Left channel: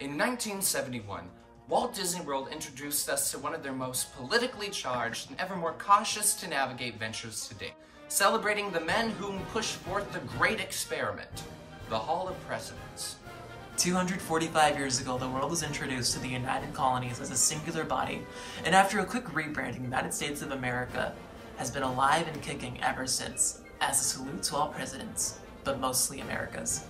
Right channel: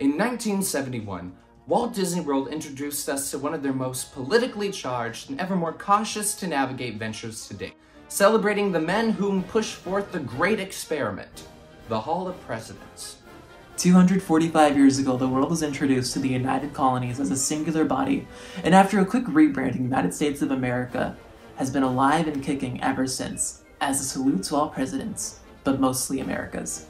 In 1971, Walt Disney World introduced us to one of their most politically charged and ever more cautious to navigate ventures to date, celebrating the men whom pushed forth the great experiment, the Hall of Presidents. 245 years ago, the world was introduced to the United Colonies as a singular body, and after a quick rebranding, the United States of America has been alive and kicking ever since, as a salute to all presidents, but mostly America's.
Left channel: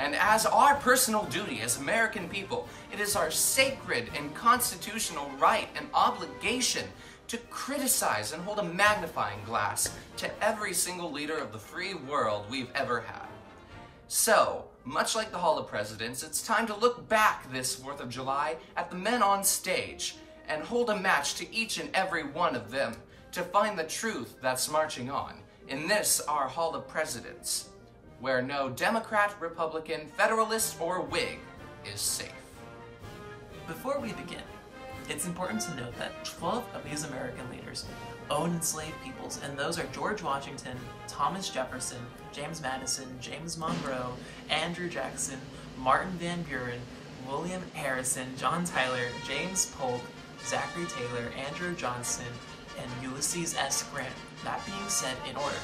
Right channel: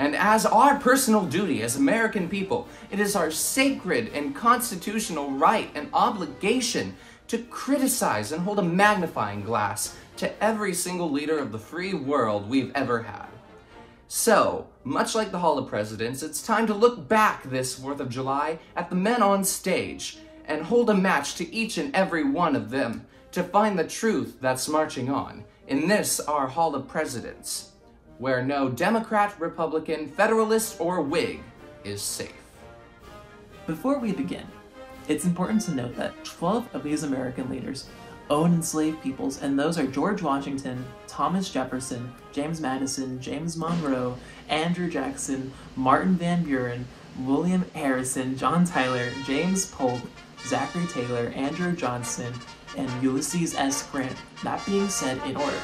And as our personal duty as American people, it is our sacred and constitutional right and obligation to criticize and hold a magnifying glass to every single leader of the free world we've ever had. So, much like the Hall of Presidents, it's time to look back this 4th of July at the men on stage and hold a match to each and every one of them to find the truth that's marching on in this, our Hall of Presidents, where no Democrat, Republican, Federalist, or Whig is safe. Before we begin, it's important to note that 12 of these American leaders owned enslaved peoples, and those are George Washington, Thomas Jefferson, James Madison, James Monroe, Andrew Jackson, Martin Van Buren, William Harrison, John Tyler, James Polk, Zachary Taylor, Andrew Johnson, and Ulysses S. Grant. That being said, in order.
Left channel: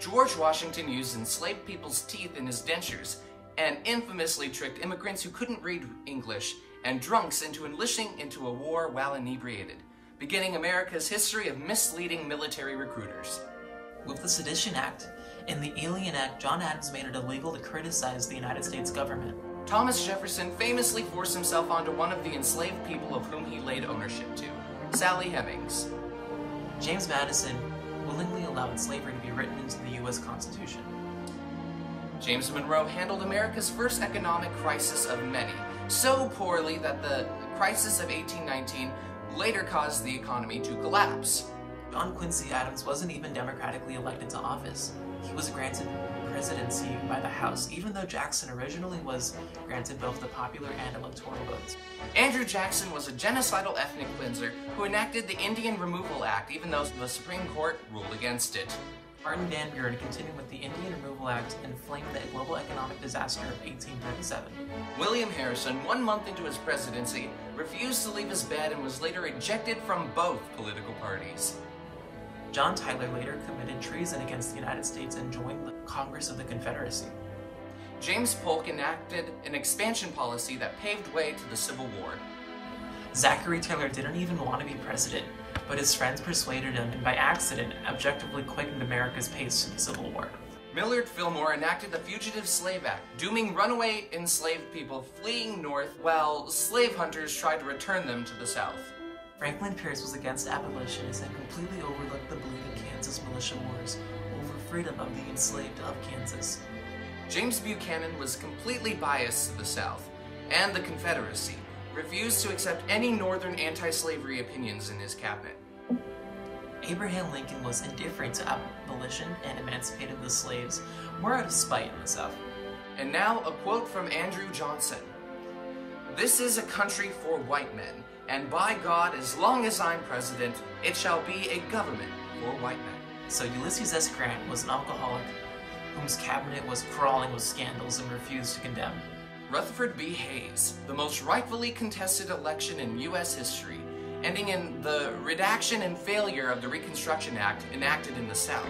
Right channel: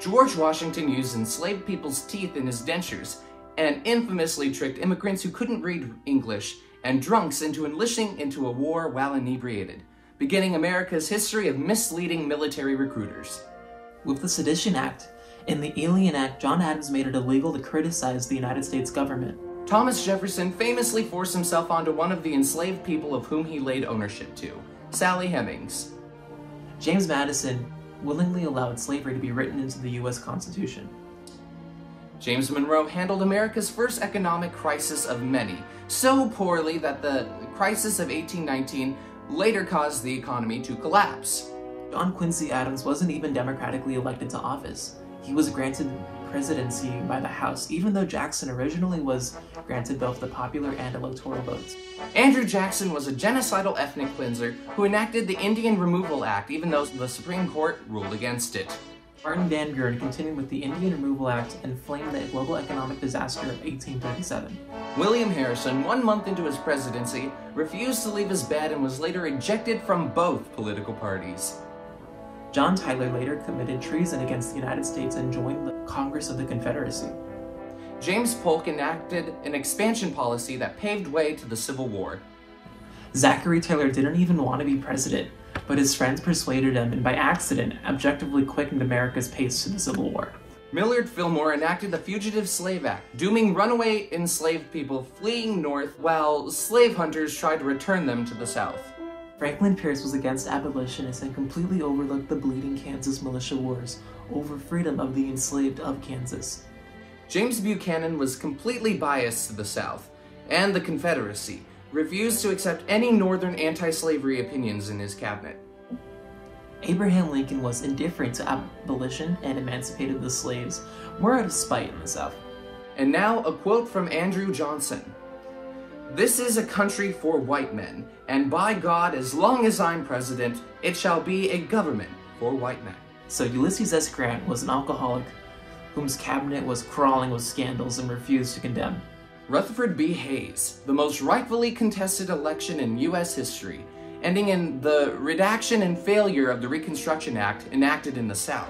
George Washington used enslaved people's teeth in his dentures and infamously tricked immigrants who couldn't read English and drunks into enlisting into a war while inebriated, beginning America's history of misleading military recruiters. With the Sedition Act and the Alien Act, John Adams made it illegal to criticize the United States government. Thomas Jefferson famously forced himself onto one of the enslaved people of whom he laid ownership to, Sally Hemings. James Madison willingly allowed slavery to be written into the U.S. Constitution. James Monroe handled America's first economic crisis of many, so poorly that the crisis of 1819 later caused the economy to collapse. John Quincy Adams wasn't even democratically elected to office. He was granted presidency by the House, even though Jackson originally was granted both the popular and electoral votes. Andrew Jackson was a genocidal ethnic cleanser who enacted the Indian Removal Act, even though the Supreme Court ruled against it. Martin Van Buren continued with the Indian Removal Act and flamed the global economic disaster of 1837. William Harrison, 1 month into his presidency, refused to leave his bed and was later ejected from both political parties. John Tyler later committed treason against the United States and joined the Congress of the Confederacy. James Polk enacted an expansion policy that paved way to the Civil War. Zachary Taylor didn't even want to be president, but his friends persuaded him and by accident objectively quickened America's pace to the Civil War. Millard Fillmore enacted the Fugitive Slave Act, dooming runaway enslaved people fleeing north while slave hunters tried to return them to the south. Franklin Pierce was against abolitionists and completely overlooked the bleeding Kansas militia wars over freedom of the enslaved of Kansas. James Buchanan was completely biased to the South, and the Confederacy refused to accept any northern anti-slavery opinions in his cabinet. Abraham Lincoln was indifferent to abolition and emancipated the slaves, more out of spite in the South. And now a quote from Andrew Johnson. "This is a country for white men, and by God, as long as I'm president, it shall be a government for white men." So Ulysses S. Grant was an alcoholic whose cabinet was crawling with scandals and refused to condemn. Rutherford B. Hayes, the most rightfully contested election in U.S. history, ending in the redaction and failure of the Reconstruction Act enacted in the South.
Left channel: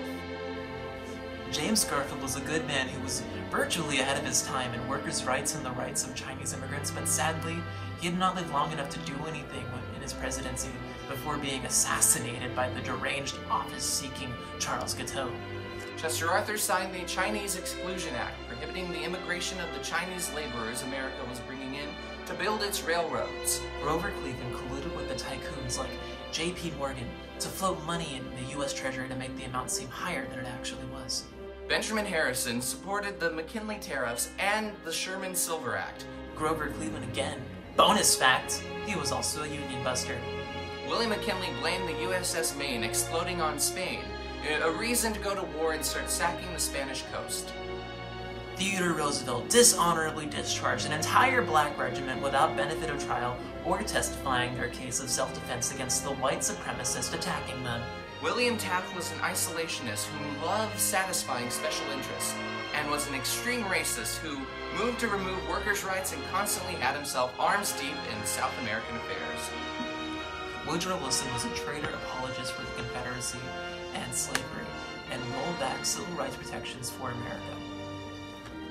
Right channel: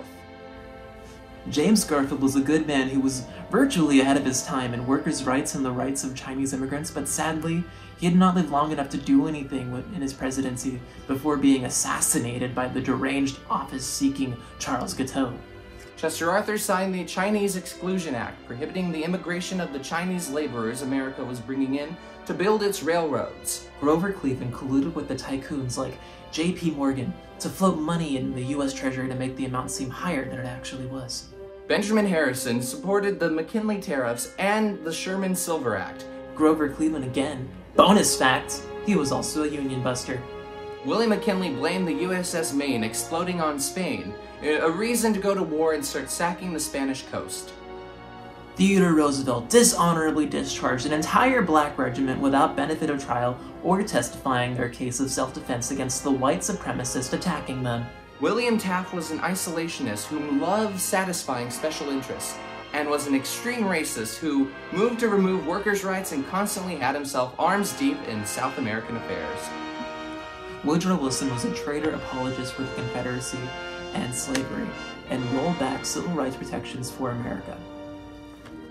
James Garfield was a good man who was virtually ahead of his time in workers' rights and the rights of Chinese immigrants, but sadly, he had not lived long enough to do anything in his presidency before being assassinated by the deranged office-seeking Charles Guiteau. Chester Arthur signed the Chinese Exclusion Act, prohibiting the immigration of the Chinese laborers America was bringing in to build its railroads. Grover Cleveland colluded with the tycoons like J.P. Morgan to float money in the U.S. Treasury to make the amount seem higher than it actually was. Benjamin Harrison supported the McKinley Tariffs and the Sherman-Silver Act. Grover Cleveland again. Bonus fact, he was also a Union buster. William McKinley blamed the USS Maine exploding on Spain, a reason to go to war and start sacking the Spanish coast. Theodore Roosevelt dishonorably discharged an entire black regiment without benefit of trial or testifying their case of self-defense against the white supremacists attacking them. William Taft was an isolationist who loved satisfying special interests, and was an extreme racist who moved to remove workers' rights and constantly had himself arms deep in South American affairs. Woodrow Wilson was a traitor apologist for the Confederacy and slavery, and rolled back civil rights protections for America.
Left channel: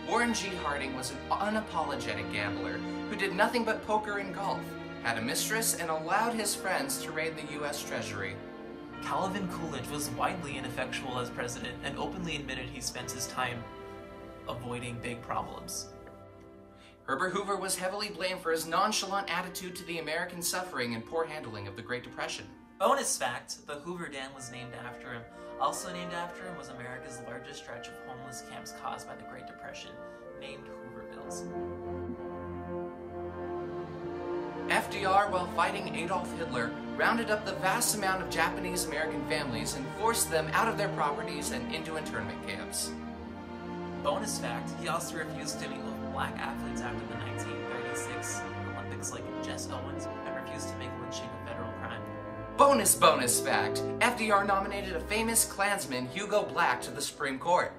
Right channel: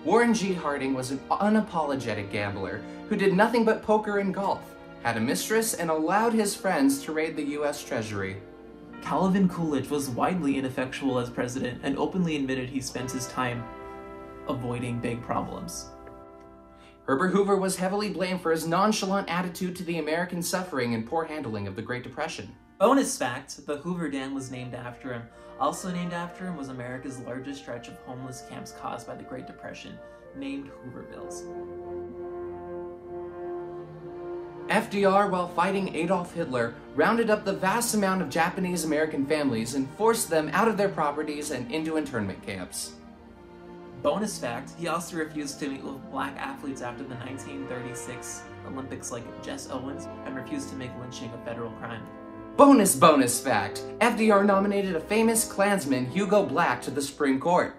Warren G. Harding was an unapologetic gambler who did nothing but poker and golf, had a mistress, and allowed his friends to raid the U.S. Treasury. Calvin Coolidge was widely ineffectual as president and openly admitted he spent his time avoiding big problems. Herbert Hoover was heavily blamed for his nonchalant attitude to the American suffering and poor handling of the Great Depression. Bonus fact, the Hoover Dam was named after him. Also named after him was America's largest stretch of homeless camps caused by the Great Depression, named Hoovervilles. FDR, while fighting Adolf Hitler, rounded up the vast amount of Japanese-American families and forced them out of their properties and into internment camps. Bonus fact, he also refused to meet with black athletes after the 1936 Olympics like Jess Owens, and refused to make lynching a federal crime. Bonus fact, FDR nominated a famous Klansman, Hugo Black, to the Supreme Court.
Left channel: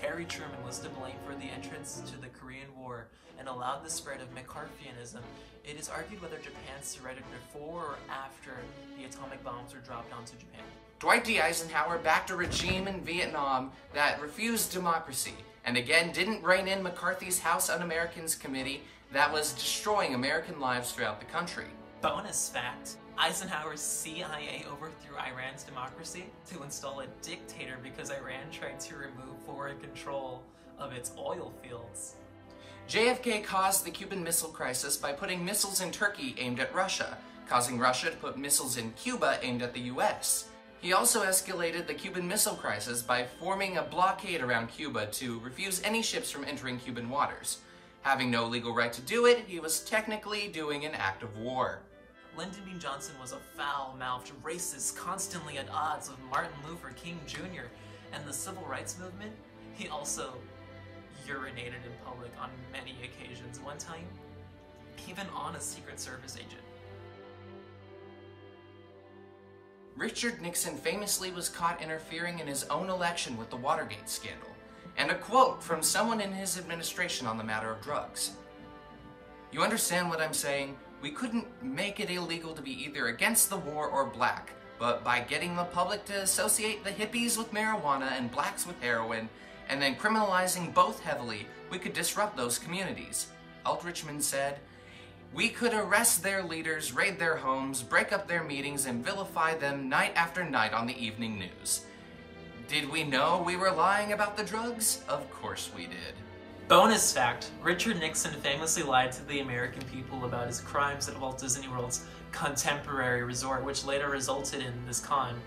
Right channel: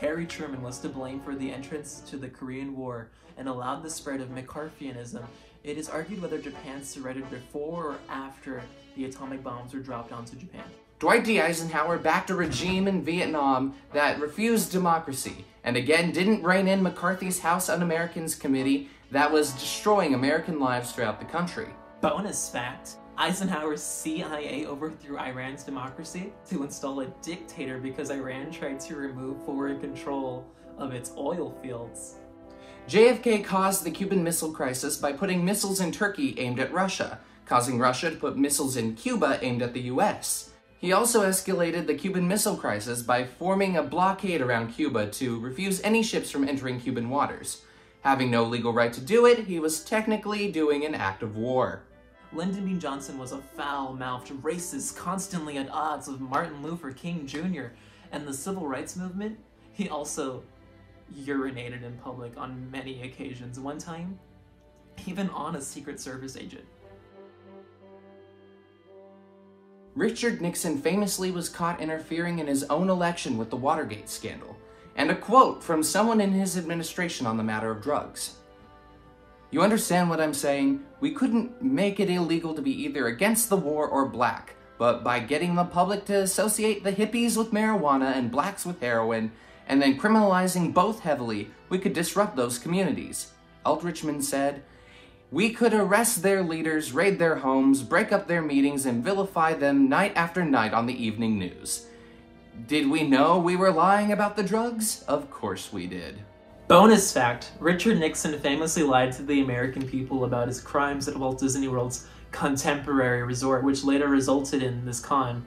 Harry Truman was to blame for the entrance to the Korean War and allowed the spread of McCarthyism. It is argued whether Japan surrendered before or after the atomic bombs were dropped onto Japan. Dwight D. Eisenhower backed a regime in Vietnam that refused democracy, and again didn't rein in McCarthy's House Un-Americans Committee that was destroying American lives throughout the country. Bonus fact, Eisenhower's CIA overthrew Iran's democracy to install a dictator because Iran tried to remove foreign control of its oil fields. JFK caused the Cuban Missile Crisis by putting missiles in Turkey aimed at Russia, causing Russia to put missiles in Cuba aimed at the US. He also escalated the Cuban Missile Crisis by forming a blockade around Cuba to refuse any ships from entering Cuban waters. Having no legal right to do it, he was technically doing an act of war. Lyndon B. Johnson was a foul-mouthed racist, constantly at odds with Martin Luther King Jr. and the Civil Rights Movement. He also urinated in public on many occasions, one time even on a Secret Service agent. Richard Nixon famously was caught interfering in his own election with the Watergate scandal, and a quote from someone in his administration on the matter of drugs. "You understand what I'm saying? We couldn't make it illegal to be either against the war or black, but by getting the public to associate the hippies with marijuana and blacks with heroin, and then criminalizing both heavily, we could disrupt those communities." Aldrichman said, "We could arrest their leaders, raid their homes, break up their meetings, and vilify them night after night on the evening news. Did we know we were lying about the drugs? Of course we did." Bonus fact, Richard Nixon famously lied to the American people about his crimes at Walt Disney World's Contemporary Resort, which later resulted in this con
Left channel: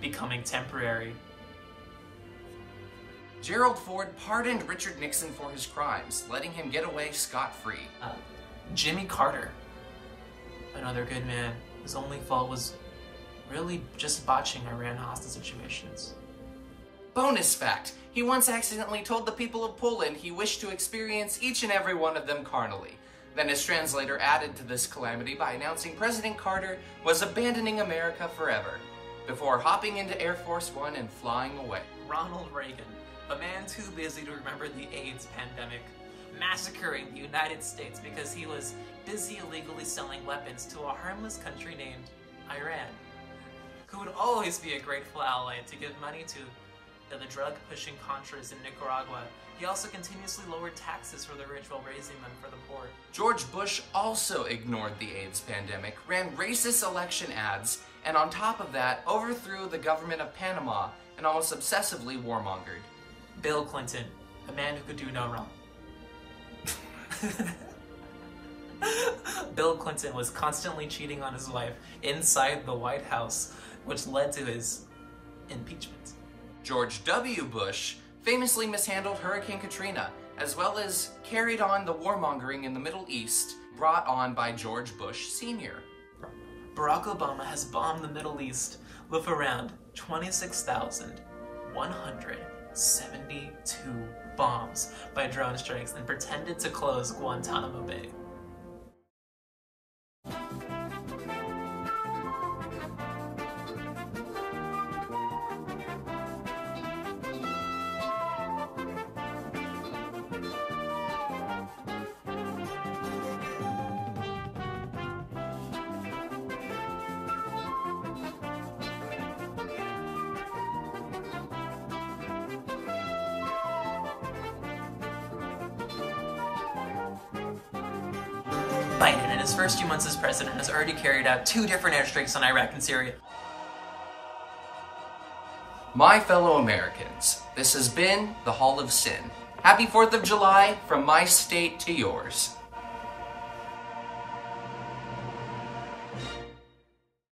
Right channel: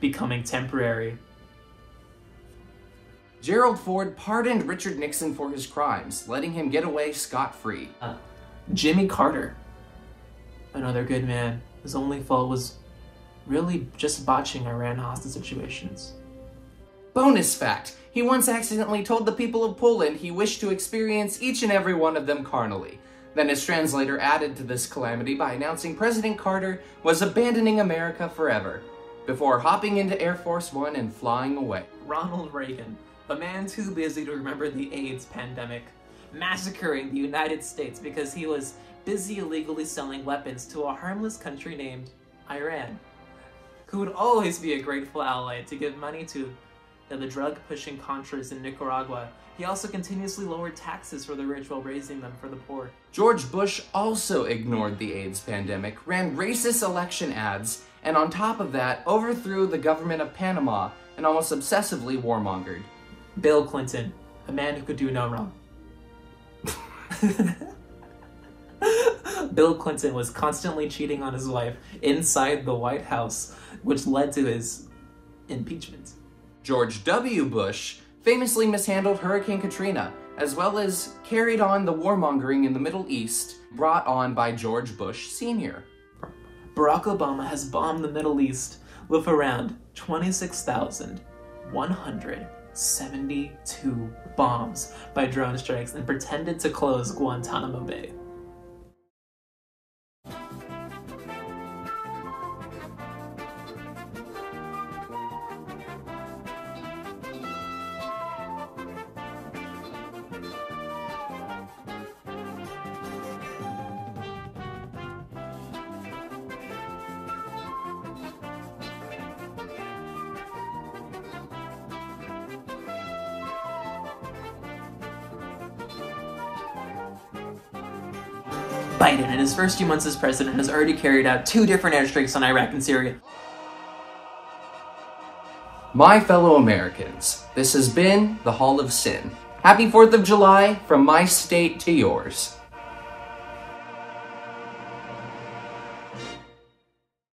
becoming temporary. Gerald Ford pardoned Richard Nixon for his crimes, letting him get away scot-free. Jimmy Carter, another good man. His only fault was really just botching Iran hostage situations. Bonus fact, he once accidentally told the people of Poland he wished to experience each and every one of them carnally. Then his translator added to this calamity by announcing President Carter was abandoning America forever, before hopping into Air Force One and flying away. Ronald Reagan, a man too busy to remember the AIDS pandemic, massacring the United States because he was busy illegally selling weapons to a harmless country named Iran, who would always be a grateful ally to give money to the drug-pushing Contras in Nicaragua. He also continuously lowered taxes for the rich while raising them for the poor. George Bush also ignored the AIDS pandemic, ran racist election ads, and on top of that, overthrew the government of Panama and almost obsessively warmongered. Bill Clinton, a man who could do no wrong. Bill Clinton was constantly cheating on his wife inside the White House, which led to his impeachment. George W. Bush famously mishandled Hurricane Katrina, as well as carried on the warmongering in the Middle East brought on by George Bush Sr. Barack Obama has bombed the Middle East with around 26,172 bombs by drone strikes and pretended to close Guantanamo Bay. Biden, in his first few months as president, has already carried out 2 different airstrikes on Iraq and Syria. My fellow Americans, this has been the Hall of Sin. Happy 4th of July from my state to yours.